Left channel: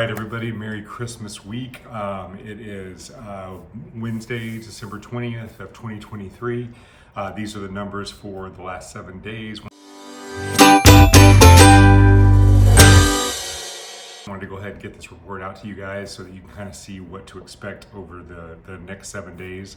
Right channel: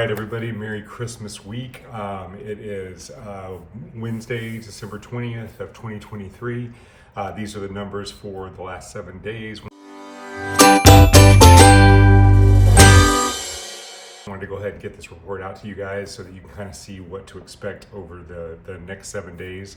right, everybody, Merry Christmas week. It is Wednesday, December 20th of 2023. These are the numbers for the last 7 days. I wanted to go ahead and get this report out to you guys so that you can kind of see what to expect over the next 7 days.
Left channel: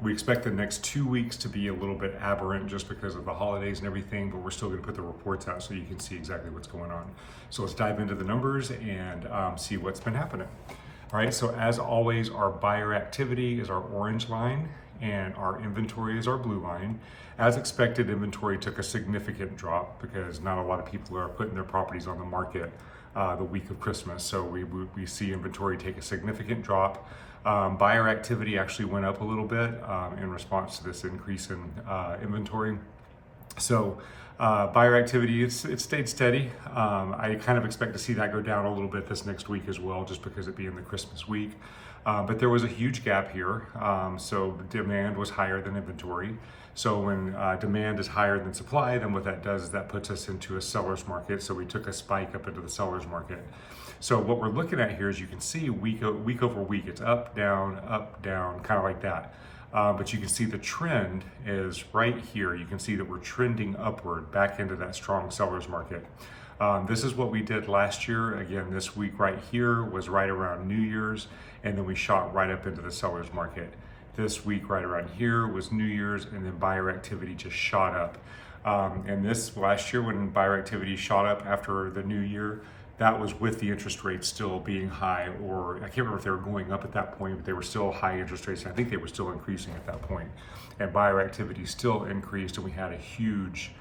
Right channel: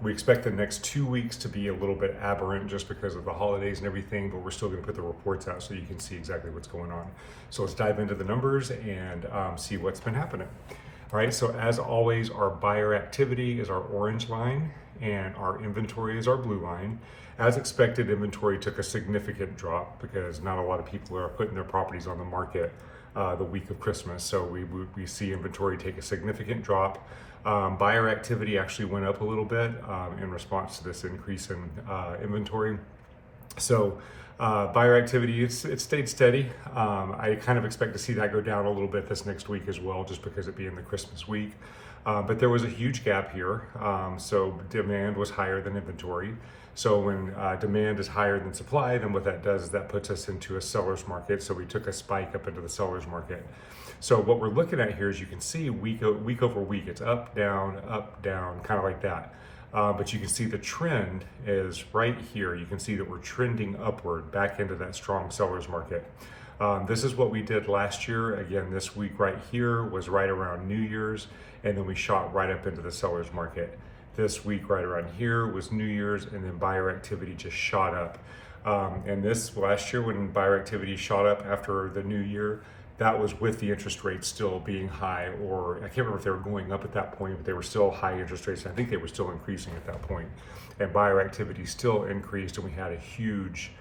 We expect the next 2 weeks to be a little bit aberrant just because of the holidays and everything, but we're still going to put the reports out so you can see exactly what's going on. So let's dive into the numbers and see what's been happening. All right, so as always, our buyer activity is our orange line and our inventory is our blue line. As expected, inventory took a significant drop because not a lot of people are putting their properties on the market the week of Christmas. So we see inventory take a significant drop. Buyer activity actually went up a little bit in response to this increase in inventory. So buyer activity, it stayed steady. I kind of expect to see that go down a little bit this next week as well, just because it being the Christmas week. But there was a huge gap here. So demand was higher than inventory. So when demand is higher than supply, then what that does is that puts us into a seller's market. So we took a spike up into the seller's market. So what we're looking at here is you can see week over week, it's up, down, kind of like that. But you can see the trend is right here. You can see that we're trending upward back into that strong seller's market. This is what we did last year. Again, this week right here was right around New Year's, and then we shot right up into the seller's market. This week right around here was New Year's, and then buyer activity just shot up. And this last year when buyer activity shot up after the new year, that was with the interest rates still being high, or I can't remember if they were going up at that point, but they were still high interest rates. I think they were still increasing at that point. And buyer activity still increased, and we had a huge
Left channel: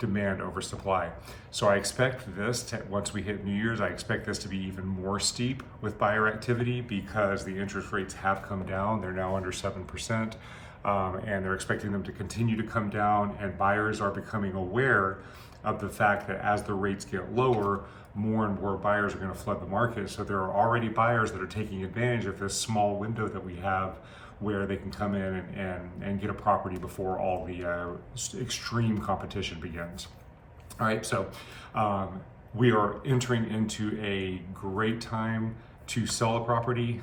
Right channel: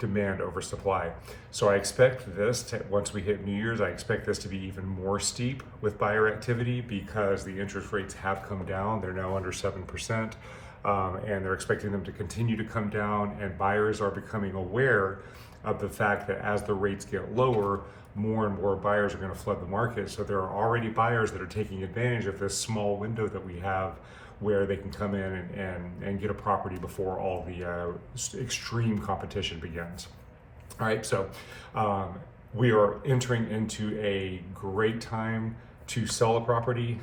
demand over supply. So I expect this to, once we hit New Year's, I expect this to be even more steep with buyer activity because the interest rates have come down. They're now under 7%, and they're expecting them to continue to come down, and buyers are becoming aware of the fact that as the rates get lower, more and more buyers are going to flood the market. So there are already buyers that are taking advantage of this small window that we have where they can come in and get a property before all the extreme competition begins. All right, so we are entering into a great time to sell a property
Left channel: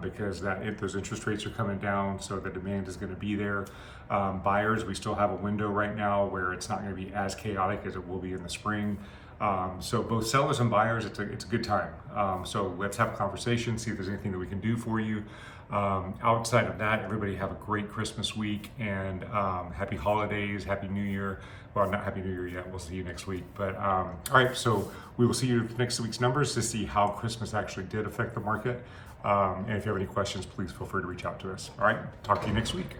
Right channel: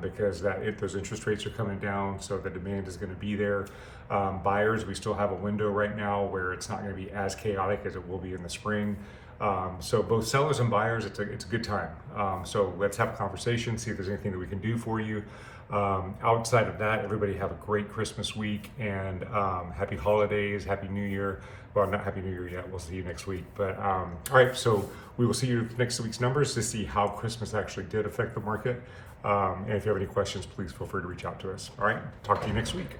because those interest rates are coming down, so the demand is going to be there. Buyers, we still have a window right now where it's not going to be as chaotic as it will be in the spring. So both sellers and buyers, it's a good time. So let's have a conversation, see if there's anything that we can do for you. Outside of that, everybody have a great Christmas week and happy holidays, happy New Year. Well, not happy New Year yet. We'll see you next week. But all right, so we will see you next week's numbers to see how Christmas actually did affect the market. And if you have any questions, please feel free to reach out to us. All right, talk to you next week.